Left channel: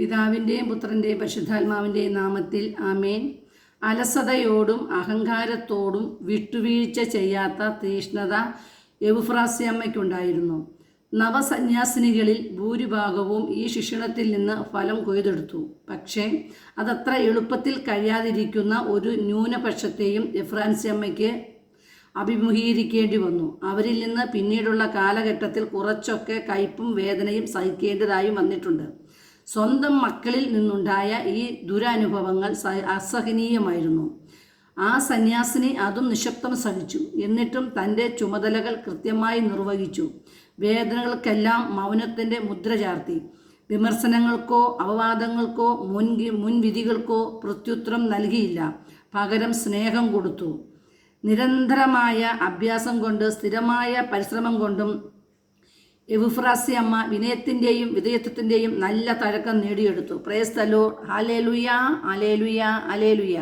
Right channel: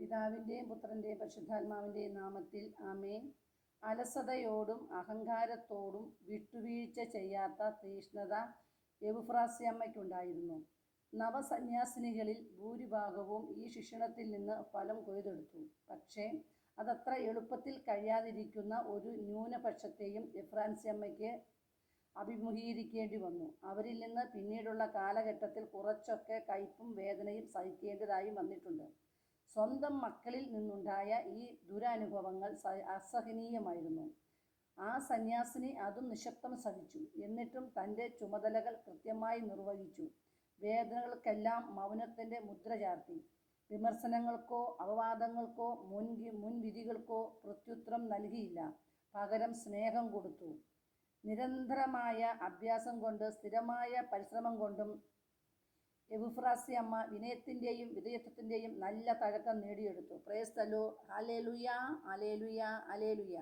പിതാവിന്റെയും പുത്രന്റെയും പരിശുദ്ധാത്മാവിന്റെയും നാമത്തിൽ ആമേൻ. അലസതയോടും അഹങ്കാരത്തോടും വിട്ടുവീഴ്ച ചെയ്യാത്ത തീഷ്ണത എവുഫ്രാസ്യമ്മയ്ക്കുണ്ടായിരുന്നു. നവസന്യാസിനികളിൽ ഭൂരിഭാഗവും ഈ ശിക്ഷണത്തിൽ നിന്ന് ഫലം കൊയ്തെടുത്തു. പക്ഷേ അതത്ര എളുപ്പത്തിൽ കഴിയാതിരിക്കുന്ന ഒരു ന്യൂനപക്ഷത്തെയും എഫ്രാൻസ്യമ്മയ്ക്ക് അഭിമുഖീകരിക്കേണ്ടി വന്നു. അവരിൽ നിന്ന് പിന്നീടുള്ള കാലഘട്ടത്തിൽ കുറച്ചൊക്കെ കയ്പും വേദനയും സഹിക്കേണ്ടതായും വന്നിട്ടുണ്ട്. സ്വന്തം മക്കളിൽ നിന്നുണ്ടായ ഈ ദുരനുഭവങ്ങൾ അസഹനീയമായിരുന്നു. ആ സന്യാസിനി അതും നിശബ്ദം സഹിച്ചു. എന്നിട്ടും തന്റെ ചുമതലകൾ കൃത്യമായി നിർവഹിച്ചു. വേദനകൾക്കെല്ലാം മൗനത്തിന്റെ മുദ്ര ചാർത്തി. വിമർശനങ്ങൾക്കോ അപവാദങ്ങൾക്കോ മുൻ മുൻവിധികൾക്കോ പ്രത്യുത്തരം നൽകിയില്ല. പകരം സ്നേഹം കൊടുത്തു. നിരന്തരമായ അഭ്യാസം കൊണ്ട് സ്ഥിരമായ പരിശ്രമം കൊണ്ടും എവുഫ്രാസി അമ്മ വിനയത്തിന്റെയും വിധേയത്വത്തിന്റെയും നല്ല തഴക്കം നേടിയെടുത്തു. പ്രേസ്തലോ ഹാലേലുയ അലേലുയ ഹാലേലുയ